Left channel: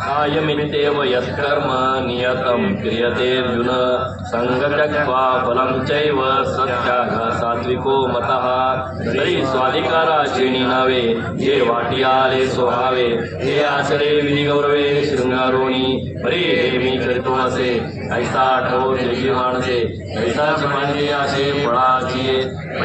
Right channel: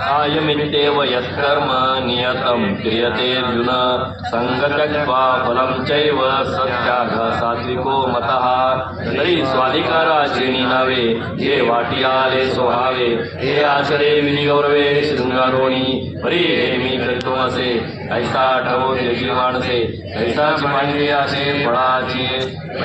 कायमित्येव यत्कर्म नियतं क्रियते अर्जुन संगत्यक्त्वा फलं चैव सत्याग सात्विको मतः तरी स्वाधिकाराचे निनावे हे वाटी आले स्वभावे हे आचरे विनिगौरवे शृंगारोणी हरी हे मी करतो असे ऐसा आठवो जगी माणसे ऐसाची मांडली असे फळाची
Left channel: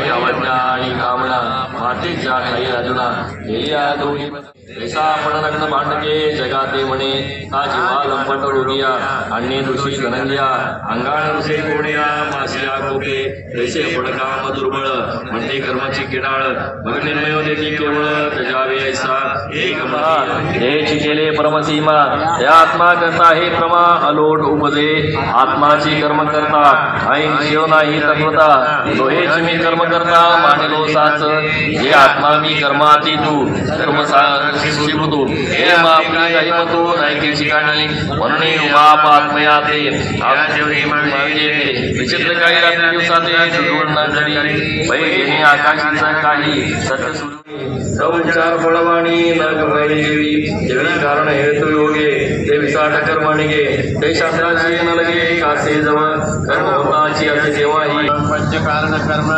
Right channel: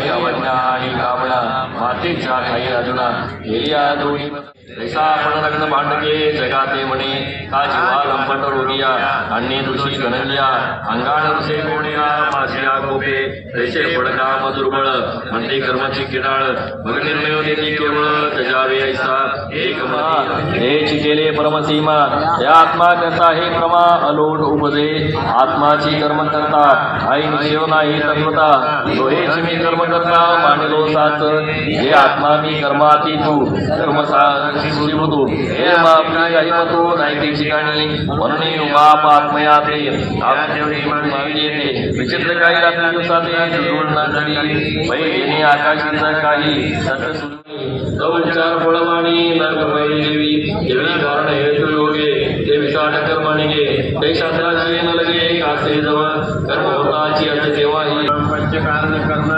अवज्ञा आणि कामना मातीच्या काही अर्जुना हे या दोन्ही ऐसा आपण लग्न मांडके जगाते म्हणे का जीवा लंपट रोगिया अन्य दुषी धनंजया अंगाण रुसे कोणिया मासिया कोपे तैसे पडकाम दुर्बळ म्हणते कर्माची किडाळ मग निर्मय देखील केवळ त्याजावे ऐसा एक म्हणते हेची केले परमसीमा या आत्मा करता हे प्रमा अलोट उपजे आत्माची कर्म करता आई शिव नाही तत्वता लोहेची मी कर्म करता मानिलो साच हे आत्मा मी कर्माती तू कर्मसार शिवतो हे आपली काही मतो नाही ती ठिकाणी म्हणून उमाप आत्मया ते विचित्र काही रात्री दिवसाते वैरी आकाशाचं काही सत्य सुरू उच्चार फळवाणी नरकमयी देवी देवी कारण हेतु योगे ते विसाट कर्माने गे ते शास्त्राची न लगे कासे जवळ कर्म होताची असे देवाही पंचकारण कर्म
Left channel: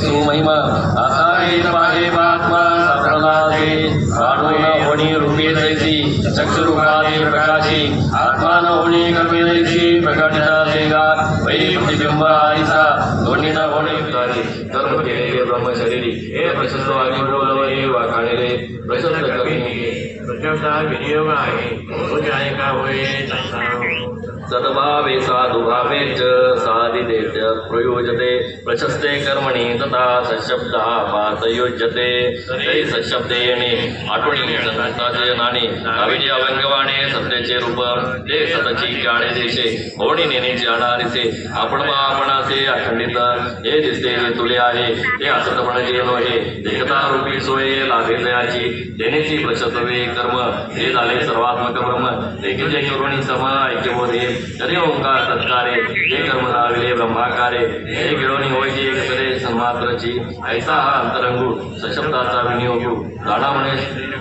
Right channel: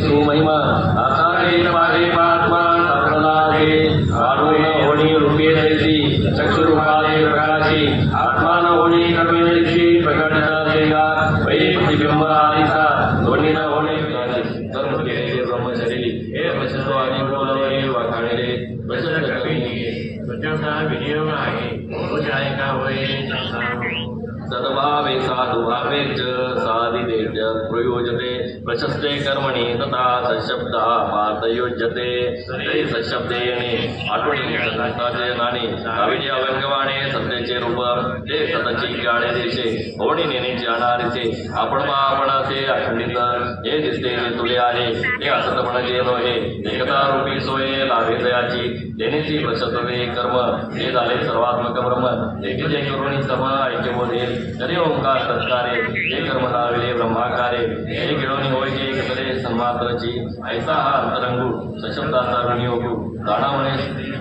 सुमहिमा आता पाहे आत्मा सापडलासे वाढून होणी रूपे जैसी चक्षुरूपादे प्रकाशी आत्मा न होणे कर्मे जैसी प्रकटिता देगार वैरी प्रतिबिंब आरिसा दोन्ही न होणे कर्म केलेले ब्रह्मशरीरी हे प्रशस्त आणि बोलवले वाखाणेले प्रशस्त करणे प्रचंडा विनियोग आहे का होय सद्भावे साधुभावे च साधिते प्रयोजते प्रशस्ते कर्मणि तथा सशब्दः पातयोज्यते ते सशब्देने आठवणी संताचे नाणे अविद्या अवंगवाणे सत्याचे रूप ते सतची जाणे देशे होणी नेण्याचे अनारिसे आपण आपणाचे अखंडित हे दिसते जे तुले आहे ते असत म्हणजे नव्हे एकता रूपी सोय लाभे दयाची देण्याची प्रशस्तवे कर्म हे झाले सर्वात्मक ब्रह्म देखील करुणी सम ऐक्यबोधे तरी ओंकार सत्कारे जे कर्म लाविले ब्रह्माकारे हे गिळवणी होयचे एकसरे सन्मात्राची ऐसा हा अंतरंगू सशब्दाचा विनियोग जाणा म्हणे